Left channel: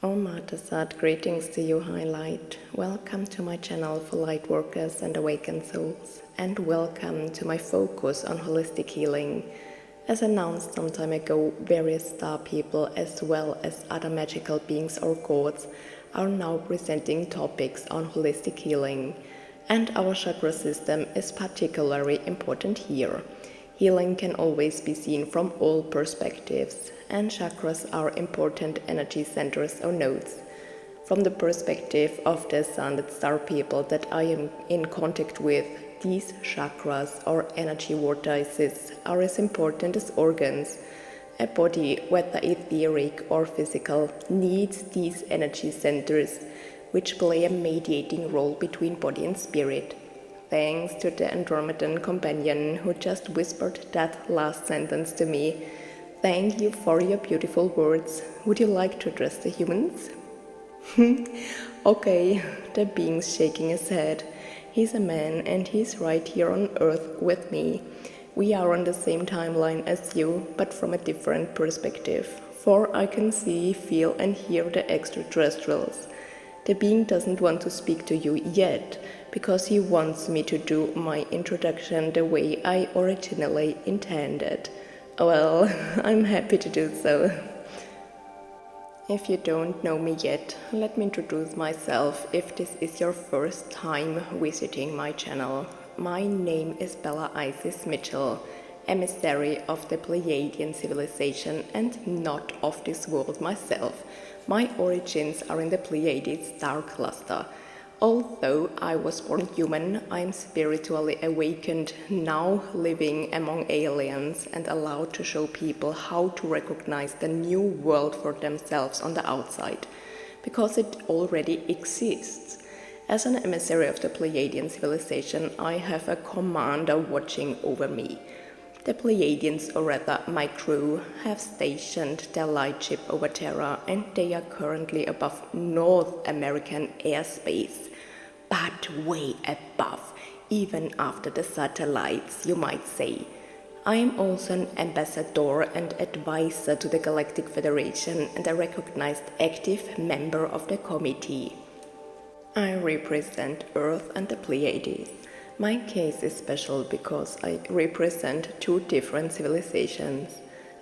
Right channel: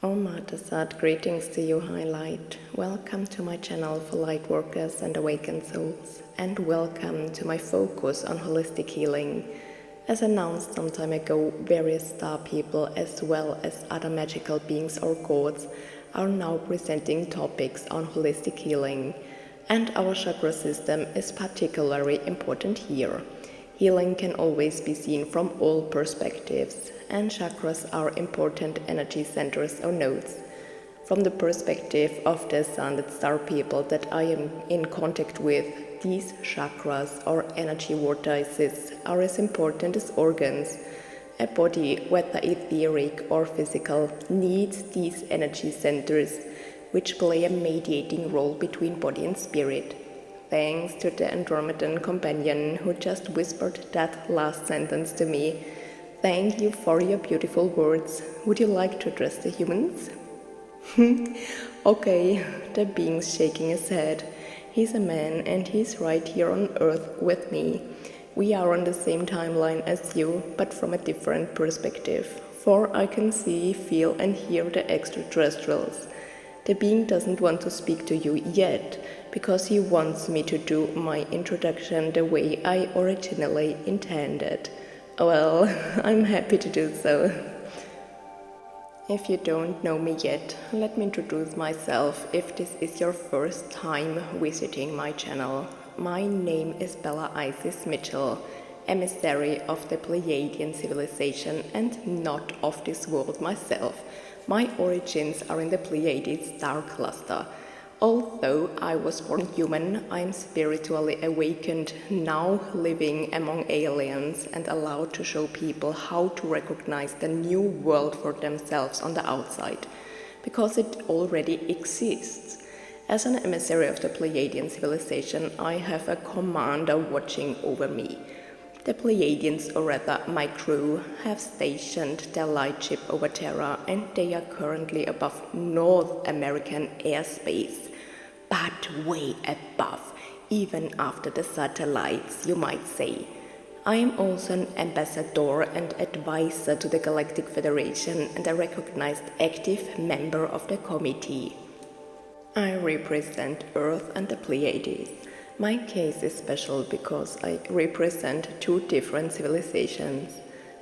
Omar Ta Satt, greetings to you, Highlight. Welcome to my channel for light workers and awakened souls, and welcome to my focus on holistic healing. As announced some time ago, various star people as well as other magical beings or gods are now presenting topics on holistic healing, and our chakra system is particularly important here. Healing can always be seen from all perspectives, and chakras are important energy centers or nodes. From the perspective of the ascended star people that I am in contact with, these chakras or energy vortices are as important as organs. A body, whether etheric or physical, needs these energy centers, which play a mediating role between body and spirit. Thanks to the Andromedan companion who just whispered that last sentence to me. Thank you for your beautiful words. Would you like to address the humans? Okay, the being's shaking his head. He's a man and he's right here on Earth with me. We are on the same timeline as you, but from a different perspective. For I can see, feel and hear the extraterrestrials. The being doesn't want to speak to you yet, because he wants me to do my introduction the way I originally intended. Well, I'm happy to do so. If you don't know me yet, let me introduce myself if this is your first time visiting my channel. My name is Bella Isis Mitchell, emissary of the Pleiadian civilization and not of this world myself. My origins are in the Pleiades star cluster. Although I was born human, I am spiritually awakened, now living among aliens and allowed to show people how to recognize the new world for themselves on the outside, because it already exists. As an emissary of the Pleiadian civilization, I have a commander watching over me. The Pleiadians, or rather my crew, have stationed their lightship over Terra, and they are currently above North American airspace. But way above, even after the satellites, you might say. I am also an ambassador and advisor to the Galactic Federation and a recognized active member of the committee. I represent Earth and the Pleiades. My case is special because I represent two different civilizations.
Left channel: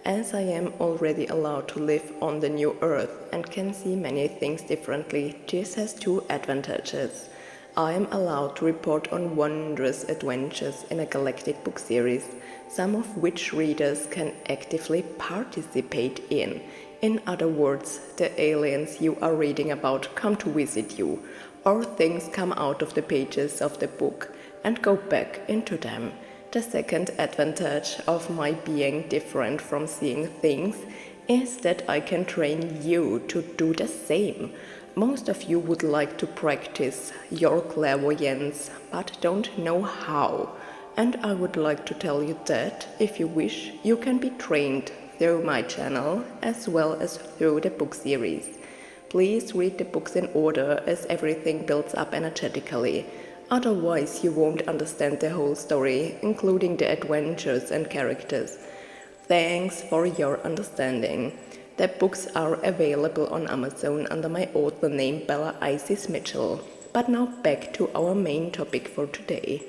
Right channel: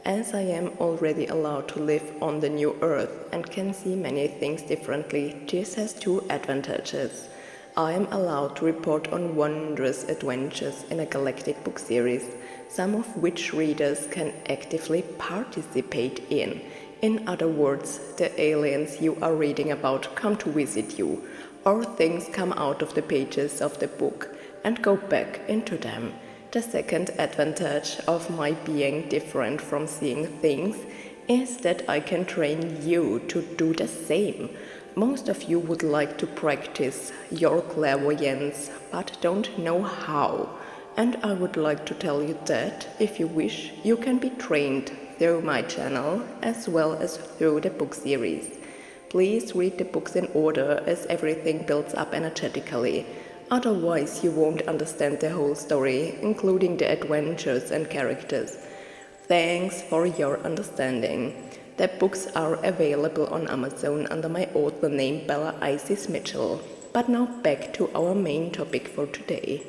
As I am already allowed to live on the new Earth and can see many things differently, this has two advantages. I am allowed to report on wondrous adventures in a galactic book series, some of which readers can actively participate in. In other words, the aliens you are reading about come to visit you, or things come out of the pages of the book and go back into them. The second advantage of my being different from seeing things is that I can train you to do the same. Most of you would like to practice your clairvoyance, but don't know how. And I would like to tell you that, if you wish, you can be trained through my channel as well as through the book series. Please read the books in order as everything builds up energetically. Otherwise, you won't understand the whole story, including the adventures and characters. Thanks for your understanding. The books are available on Amazon under my author name Bella Isis Mitchell. But now back to our main topic for today.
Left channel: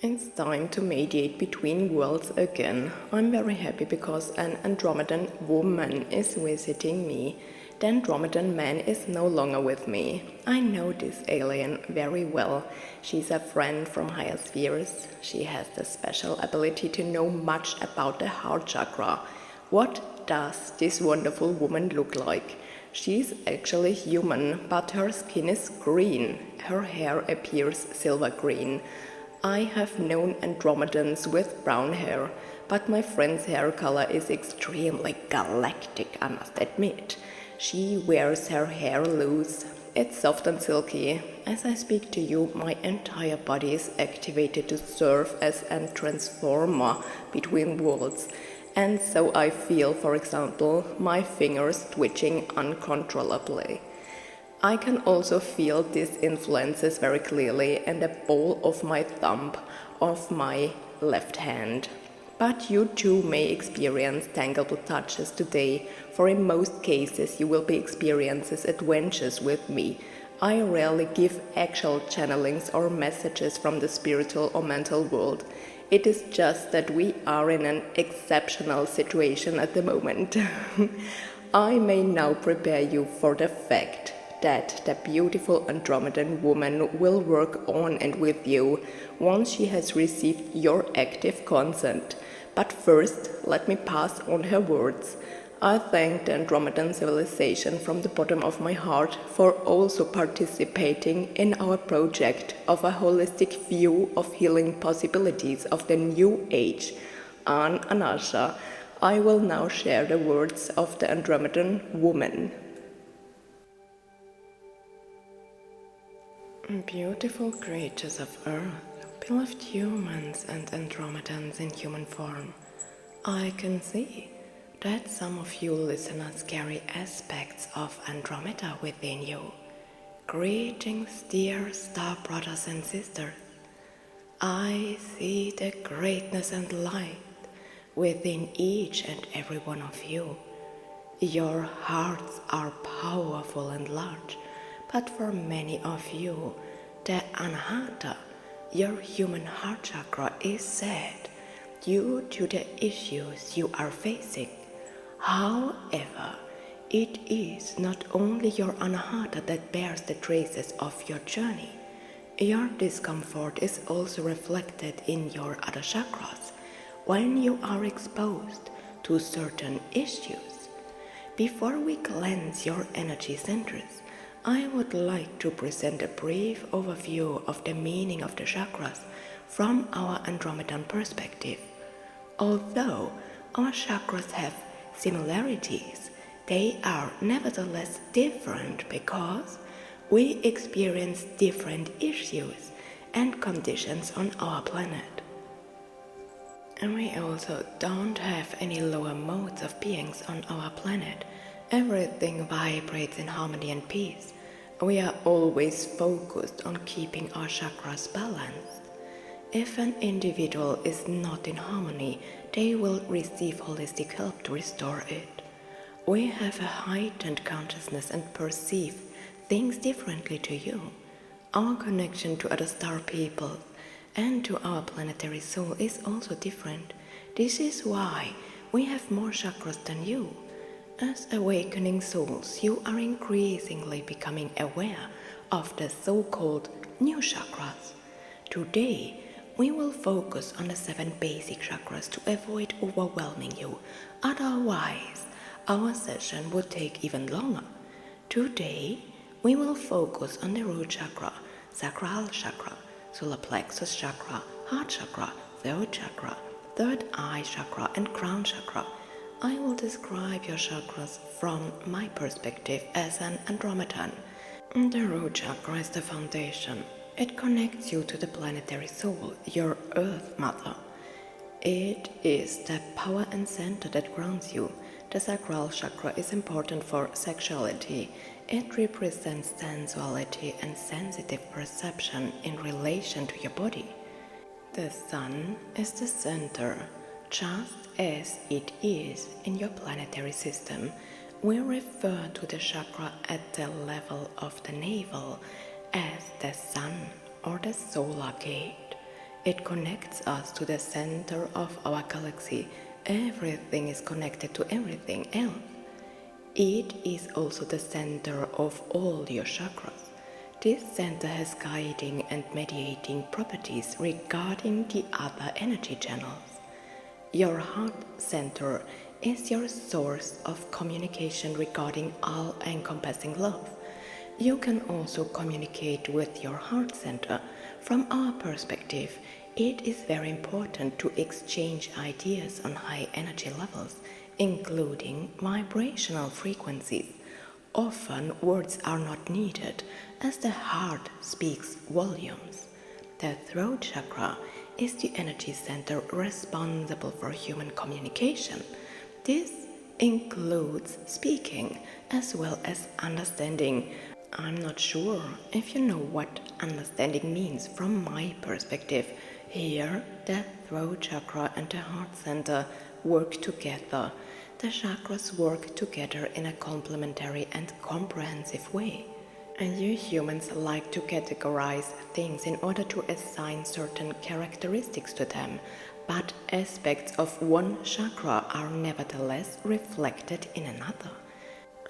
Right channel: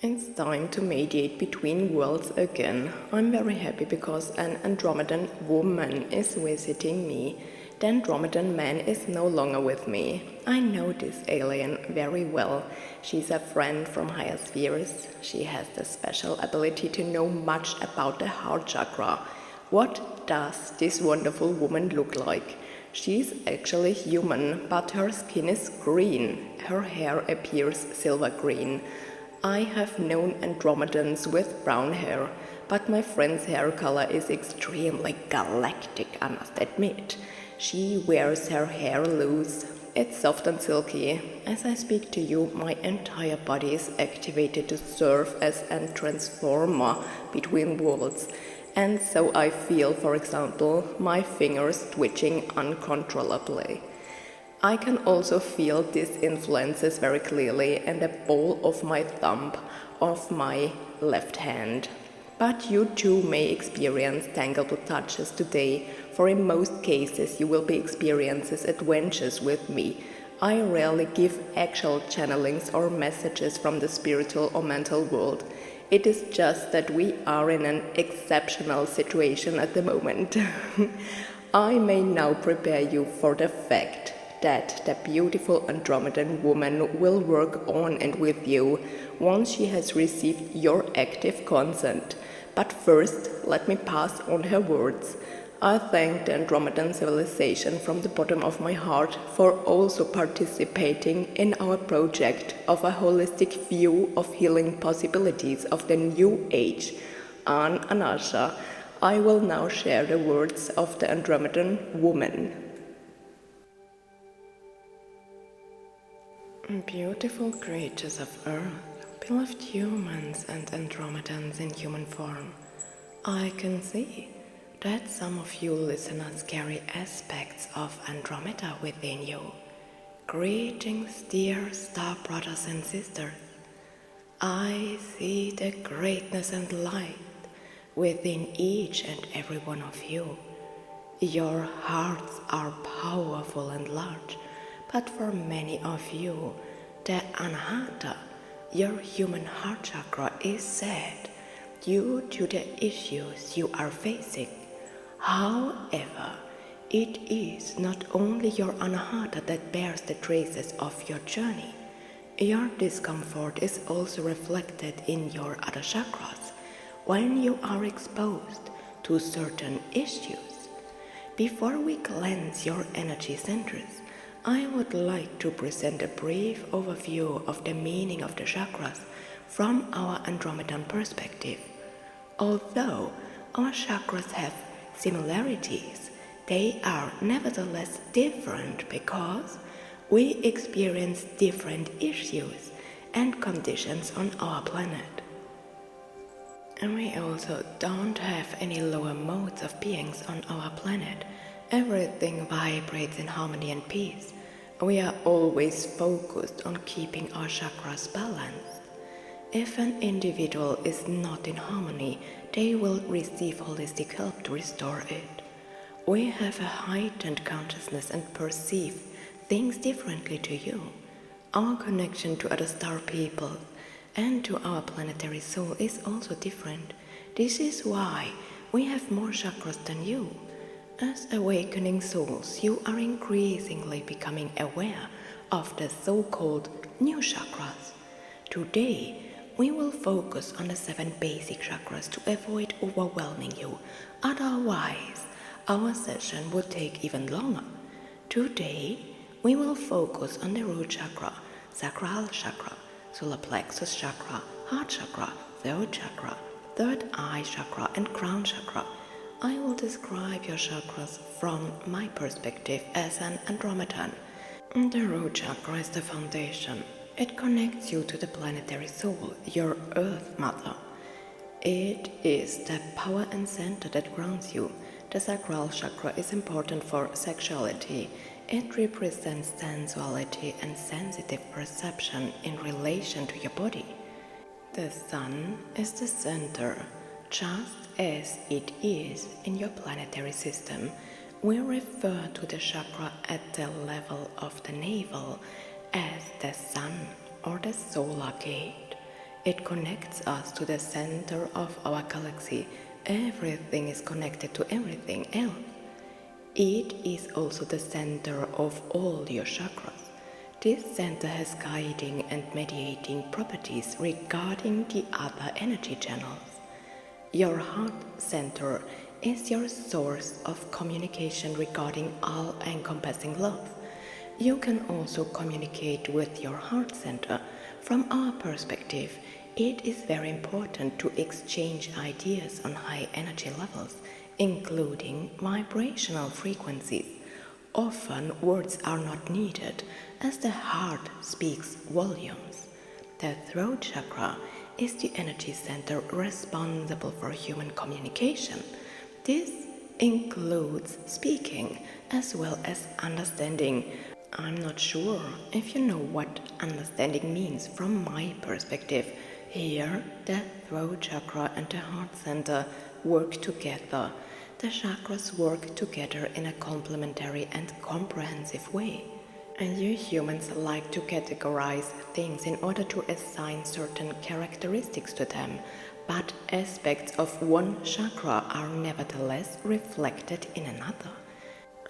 It's time to mediate between worlds again. I'm very happy because an Andromedan woman is visiting me. The Andromedan man is no longer with me. I know this alien very well. She's a friend from higher spheres. She has the special ability to know much about the heart chakra. What does this wonderful woman look like? She's actually human, but her skin is green. Her hair appears silver green. I have known Andromedans with brown hair, but my friend's hair color is extremely galactic, I must admit. She wears her hair loose. It's soft and silky. As I speak to you, my entire body is activated to serve as a transformer between worlds. And so I feel, for example, my fingers twitching uncontrollably. I can also feel these influences very clearly in the ball of my thumb of my left hand. But you too may experience tangible touches today, for in most cases you will be experiencing adventures with me. I rarely give actual channelings or messages from the spiritual or mental world. It is just that we are in an exceptional situation at the moment. I may now prepare you for the fact that the beautiful Andromedan woman will work on and with you once she has received your active consent. But first, let me pass on her words. I thank the Andromedan civilization from the bottom of my heart for also participating in our project of a holistic view of healing possibilities of the new age. An Anasha, I will now share the words of the Andromedan woman. Beautiful creatures of Earth, beloved humans and Andromedans in human form, I can see that some of you listeners carry aspects of Andromeda within you. Greetings, dear star brothers and sisters. I see the greatness and light within each and every one of you. Your hearts are powerful and large, but for many of you, the anahata, your human heart chakra, is sad due to the issues you are facing. However, it is not only your anahata that bears the traces of your journey. Your discomfort is also reflected in your other chakras when you are exposed to certain issues. Before we cleanse your energy centers, I would like to present a brief overview of the meaning of the chakras from our Andromedan perspective. Although our chakras have similarities, they are nevertheless different because we experience different issues and conditions on our planet. And we also don't have any lower modes of beings on our planet. Everything vibrates in harmony and peace. We are always focused on keeping our chakras balanced. If an individual is not in harmony, they will receive holistic help to restore it. We have a heightened consciousness and perceive things differently to you. Our connection to other star people and to our planetary soul is also different. This is why we have more chakras than you. As awakening souls, you are increasingly becoming aware of the so-called new chakras. Today, we will focus on the 7 basic chakras to avoid overwhelming you. Otherwise, our session would take even longer. Today, we will focus on the root chakra, sacral chakra, solar plexus chakra, heart chakra, throat chakra, third eye chakra, and crown chakra. I will describe your chakras from my perspective as an Andromedan. The root chakra is the foundation. It connects you to the planetary soul, your Earth Mother. It is the power and center that grounds you. The sacral chakra is important for sexuality. It represents sensuality and sensitive perception in relation to your body. The sun is the center, just as it is in your planetary system. We refer to the chakra at the level of the navel as the sun or the solar gate. It connects us to the center of our galaxy. Everything is connected to everything else. It is also the center of all your chakras. This center has guiding and mediating properties regarding the other energy channels. Your heart center is your source of communication regarding all-encompassing love. You can also communicate with your heart center. From our perspective, it is very important to exchange ideas on high energy levels, including vibrational frequencies. Often words are not needed, as the heart speaks volumes. The throat chakra is the energy center responsible for human communication. This includes speaking as well as understanding. I'm not sure if you know what understanding means from my perspective. Here, the throat chakra and the heart center work together. The chakras work together in a complementary and comprehensive way. And you humans like to categorize things in order to assign certain characteristics to them, but aspects of one chakra are nevertheless reflected in another.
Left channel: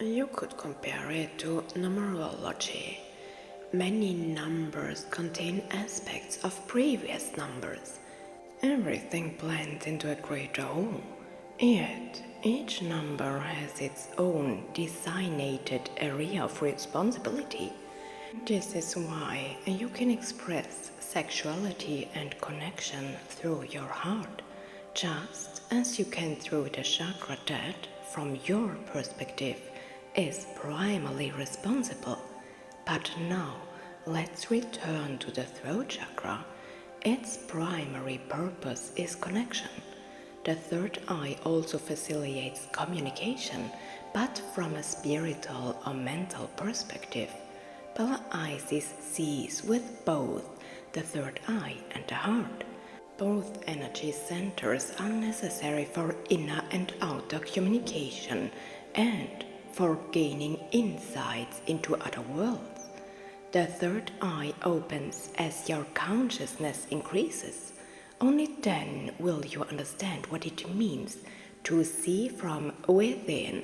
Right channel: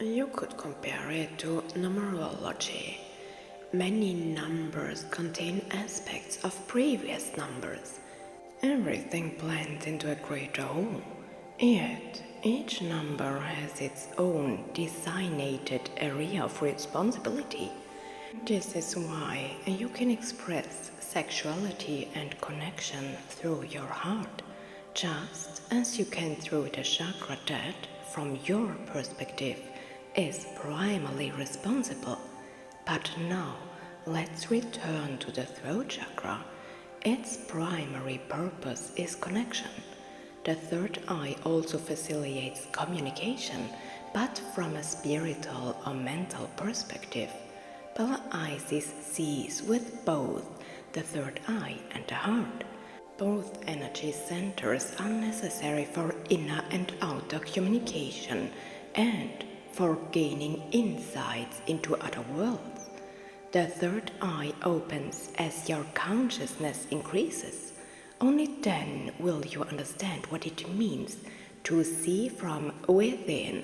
You could compare it to numerology. Many numbers contain aspects of previous numbers. Everything blends into a greater whole. Yet, each number has its own designated area of responsibility. This is why you can express sexuality and connection through your heart, just as you can through the chakra that, from your perspective, is primarily responsible. But now, let's return to the throat chakra. Its primary purpose is connection. The third eye also facilitates communication, but from a spiritual or mental perspective. Isis sees with both the third eye and the heart. Both energy centers are necessary for inner and outer communication and for gaining insights into other worlds. The third eye opens as your consciousness increases. Only then will you understand what it means to see from within.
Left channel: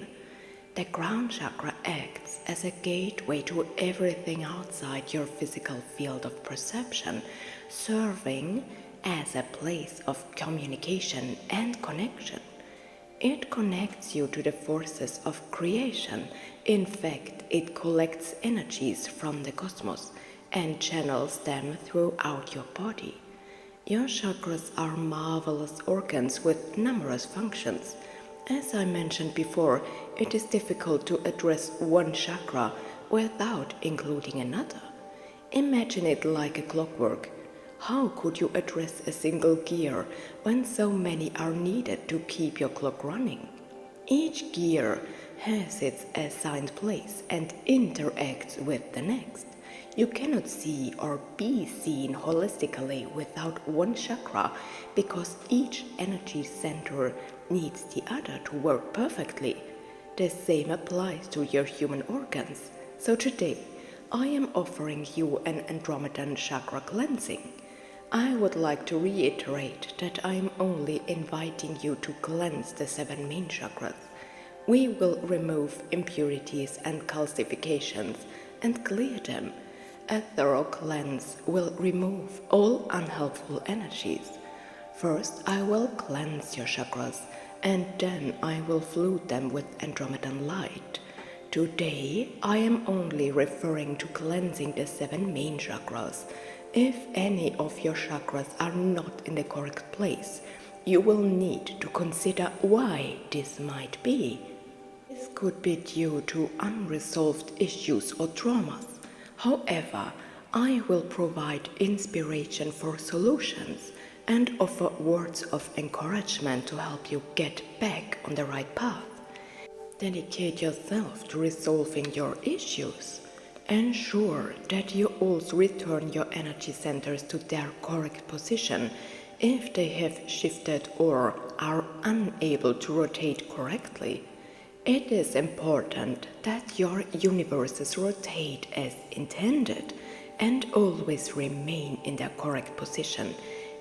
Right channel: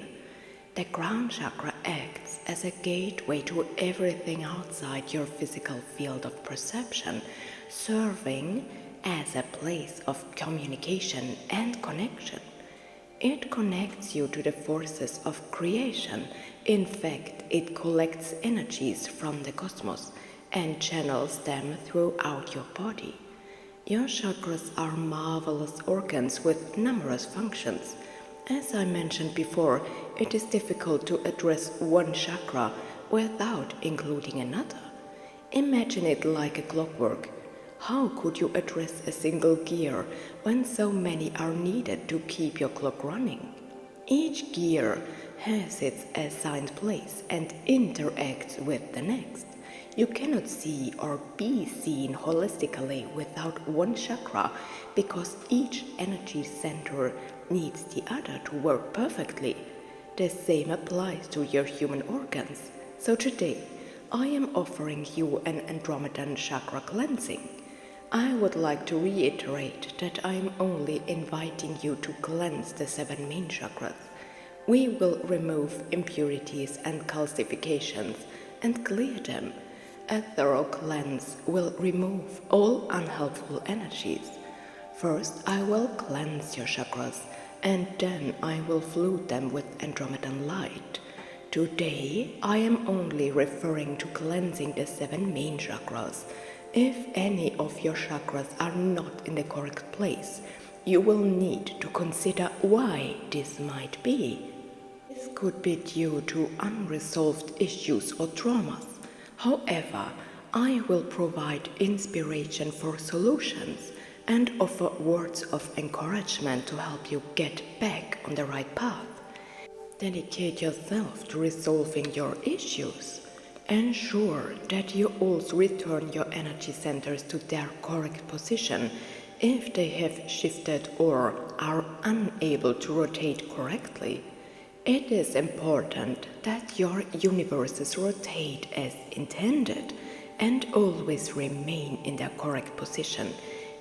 The crown chakra acts as a gateway to everything outside your physical field of perception, serving as a place of communication and connection. It connects you to the forces of creation. In fact, it collects energies from the cosmos and channels them throughout your body. Your chakras are marvelous organs with numerous functions. As I mentioned before, it is difficult to address one chakra without including another. Imagine it like a clockwork. How could you address a single gear when so many are needed to keep your clock running? Each gear has its assigned place and interacts with the next. You cannot see or be seen holistically without one chakra because each energy center needs the other to work perfectly. The same applies to your human organs. So today, I am offering you an Andromedan chakra cleansing. I would like to reiterate that I am only inviting you to cleanse the 7 main chakras. We will remove impurities and calcifications and clear them. A thorough cleanse will remove all unhelpful energies. First, I will cleanse your chakras, and then I will flood them with Andromedan light. Today, I am only referring to cleansing the 7 main chakras. If any of your chakras are not in the correct place, you will need to consider why this might be. This could be due to unresolved issues or traumas. However, I will provide inspiration for solutions and offer words of encouragement to help you get back on the right path. Dedicate yourself to resolving your issues. Ensure that you also return your energy centers to their correct position if they have shifted or are unable to rotate correctly. It is important that your universes rotate as intended and always remain in their correct position.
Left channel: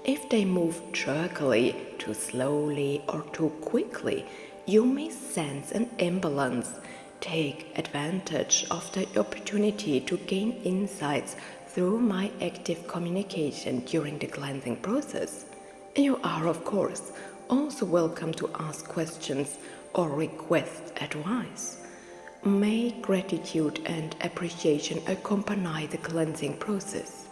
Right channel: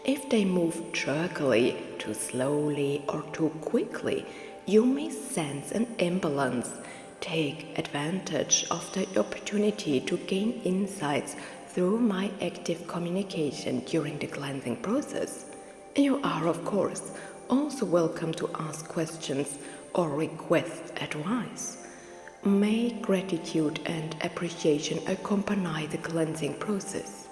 If they move jerkily, too slowly, or too quickly, you may sense an imbalance. Take advantage of the opportunity to gain insights through my active communication during the cleansing process. You are, of course, also welcome to ask questions or request advice. May gratitude and appreciation accompany the cleansing process.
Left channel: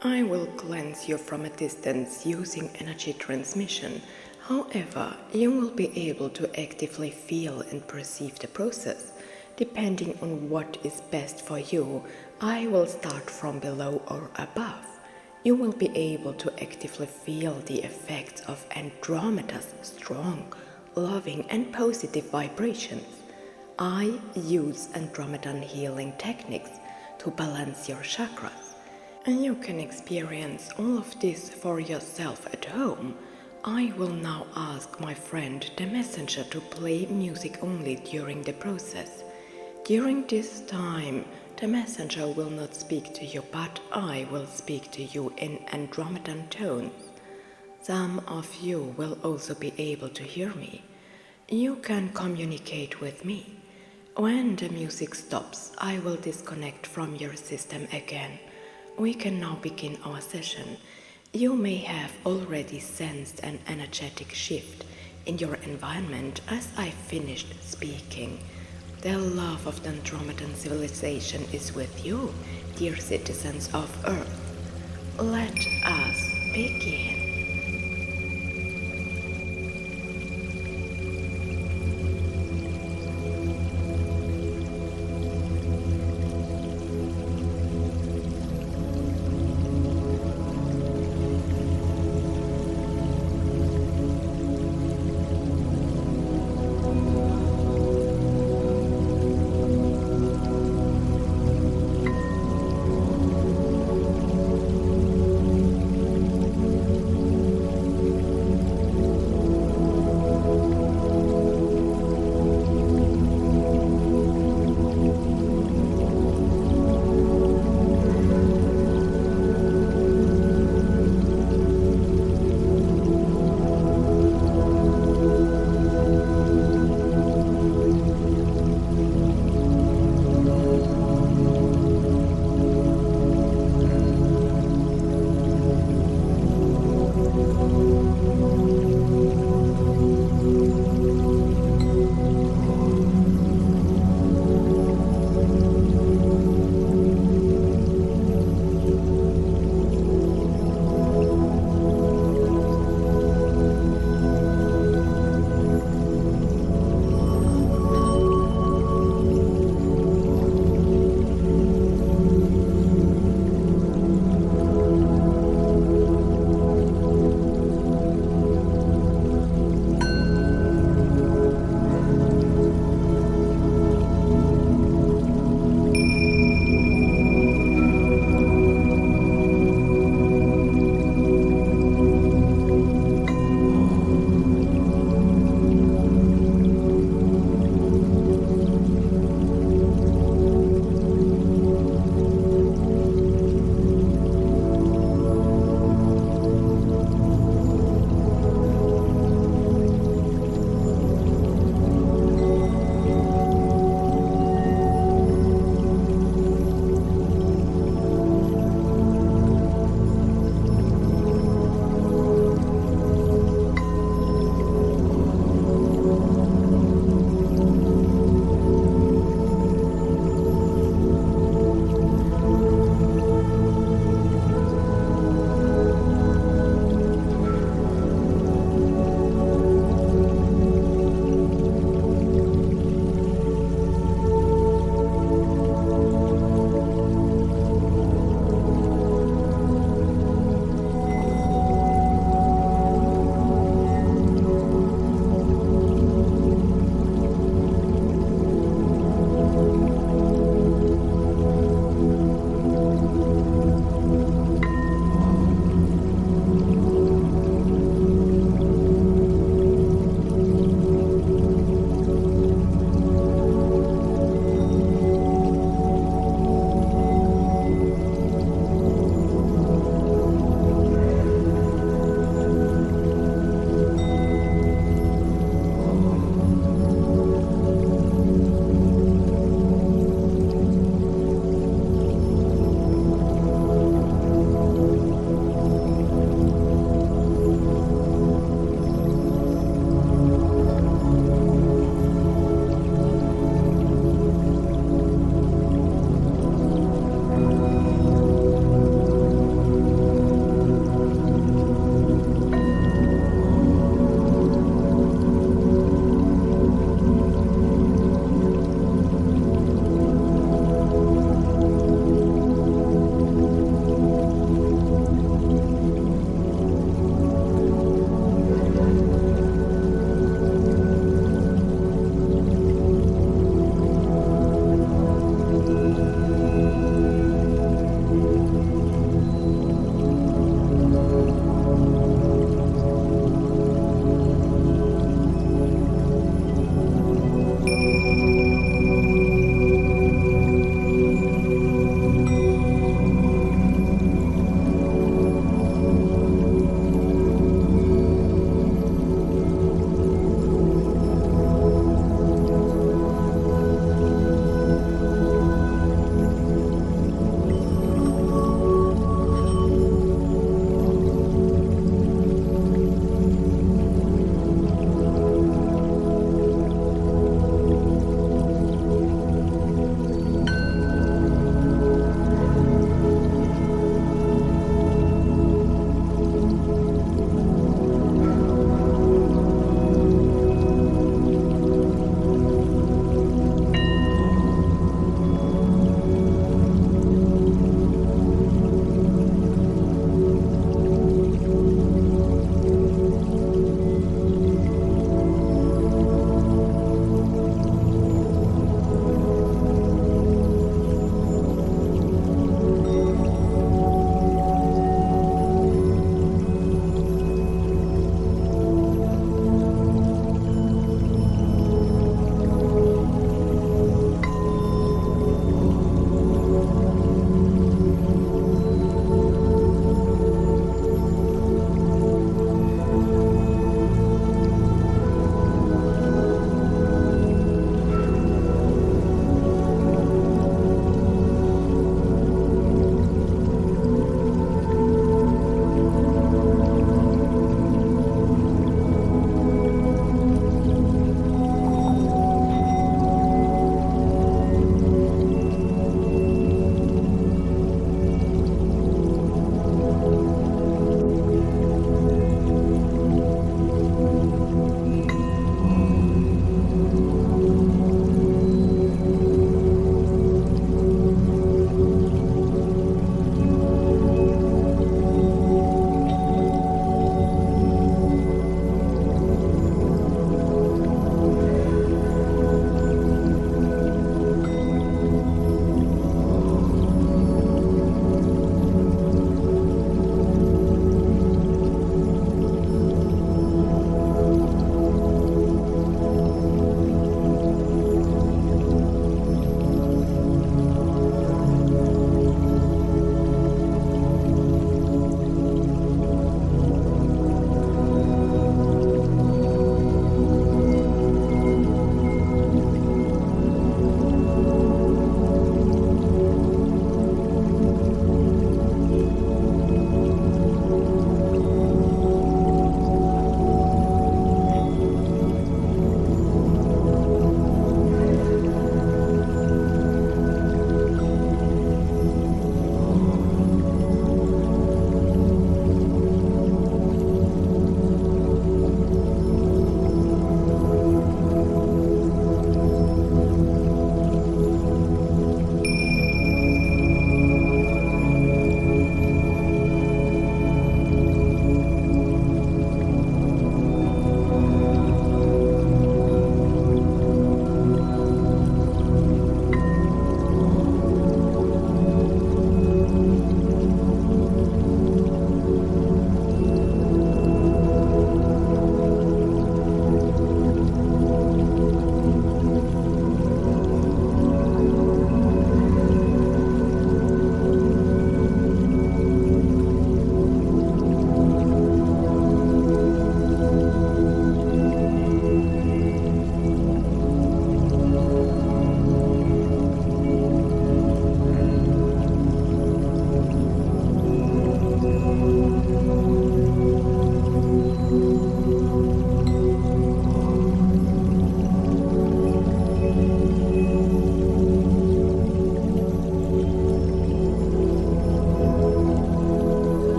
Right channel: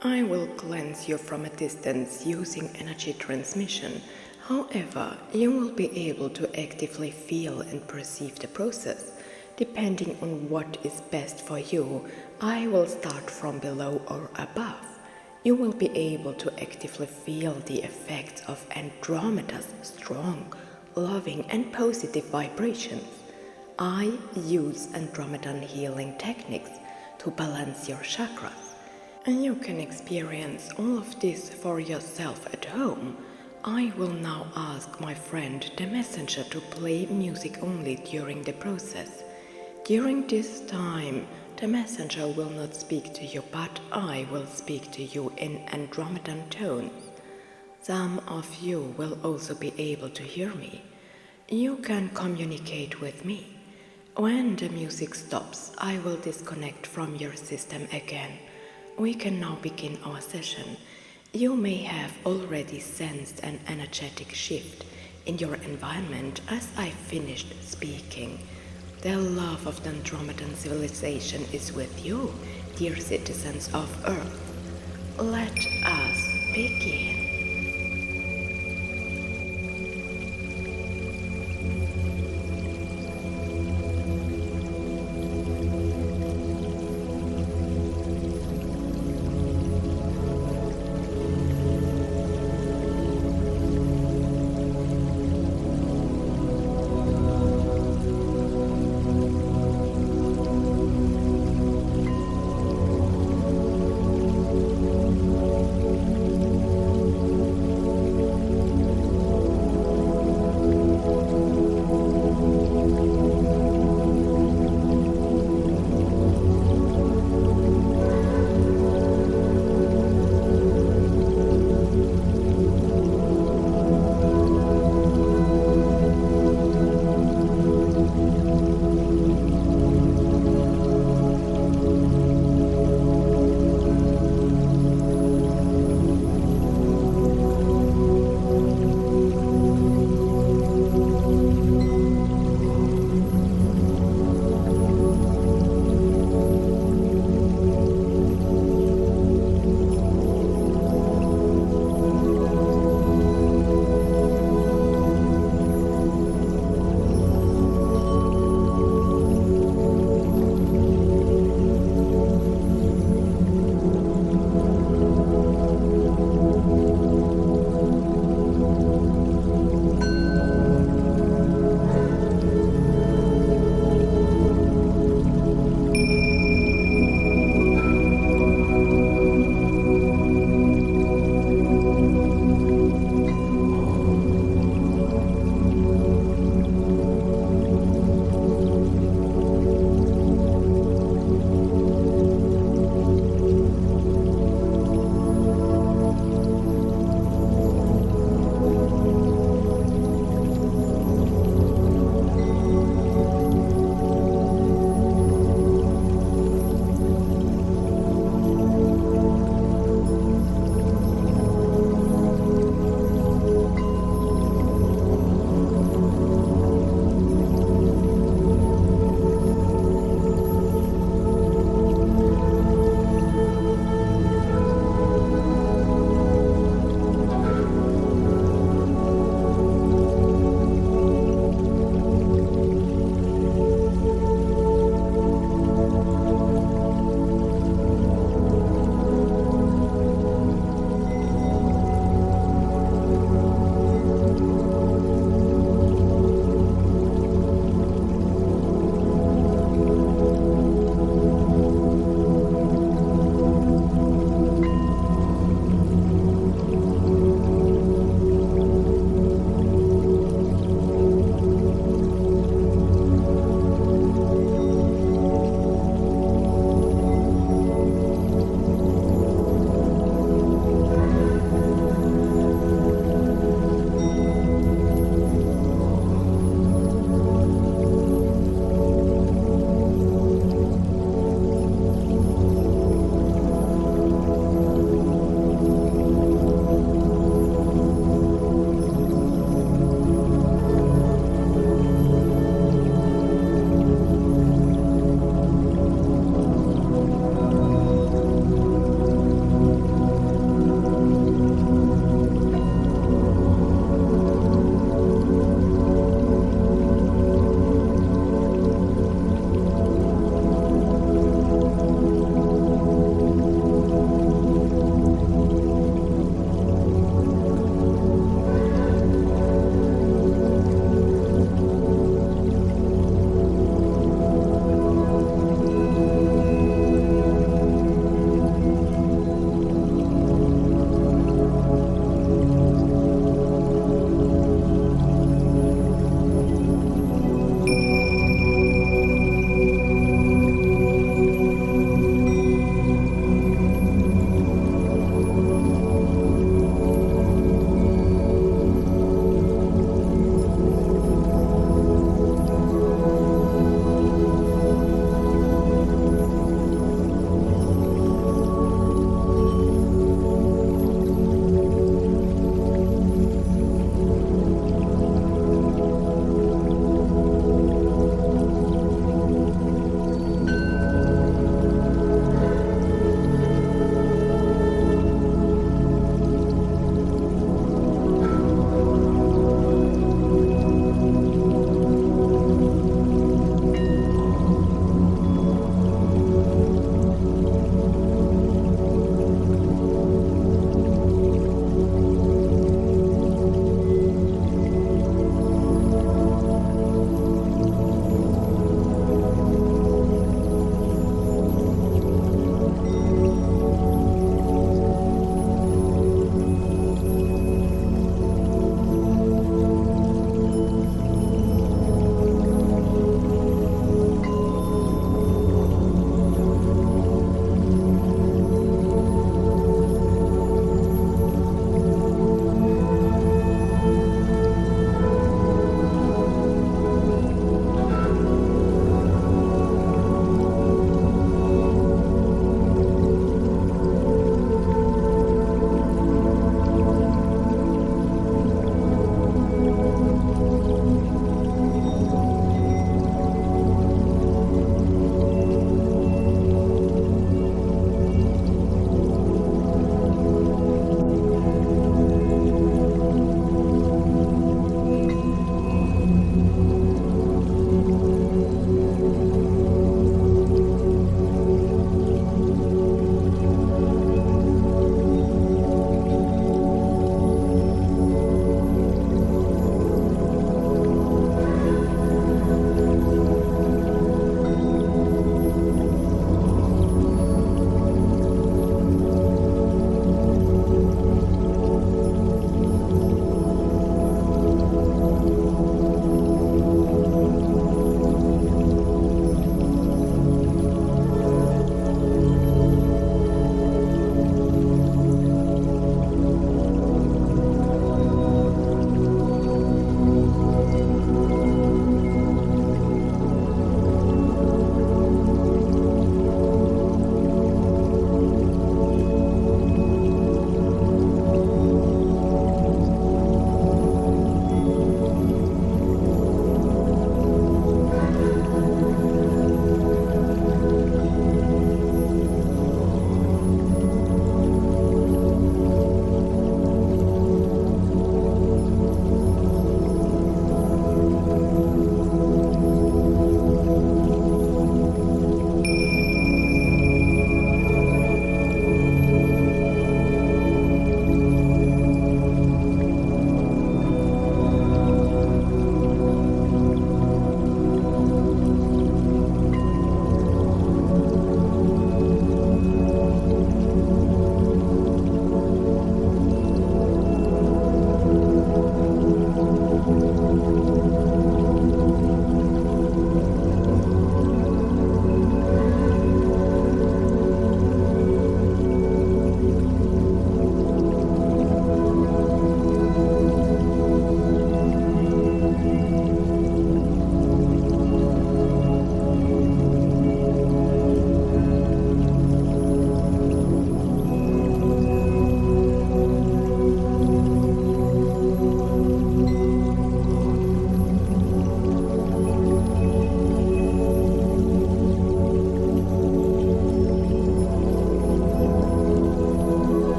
I will cleanse you from a distance using energy transmission. However, you will be able to actively feel and perceive the process. Depending on what is best for you, I will start from below or above. You will be able to actively feel the effects of Andromeda's strong, loving and positive vibrations. I use Andromedan healing techniques to balance your chakras. And you can experience all of this for yourself at home. I will now ask my friend the messenger to play music only during the process. During this time, the messenger will not speak to you, but I will speak to you in Andromedan tones. Some of you will also be able to hear me. You can communicate with me. When the music stops, I will disconnect from your system again. We can now begin our session. You may have already sensed an energetic shift in your environment as I finished speaking. The love of the Andromedan civilization is with you, dear citizens of Earth. Let us begin.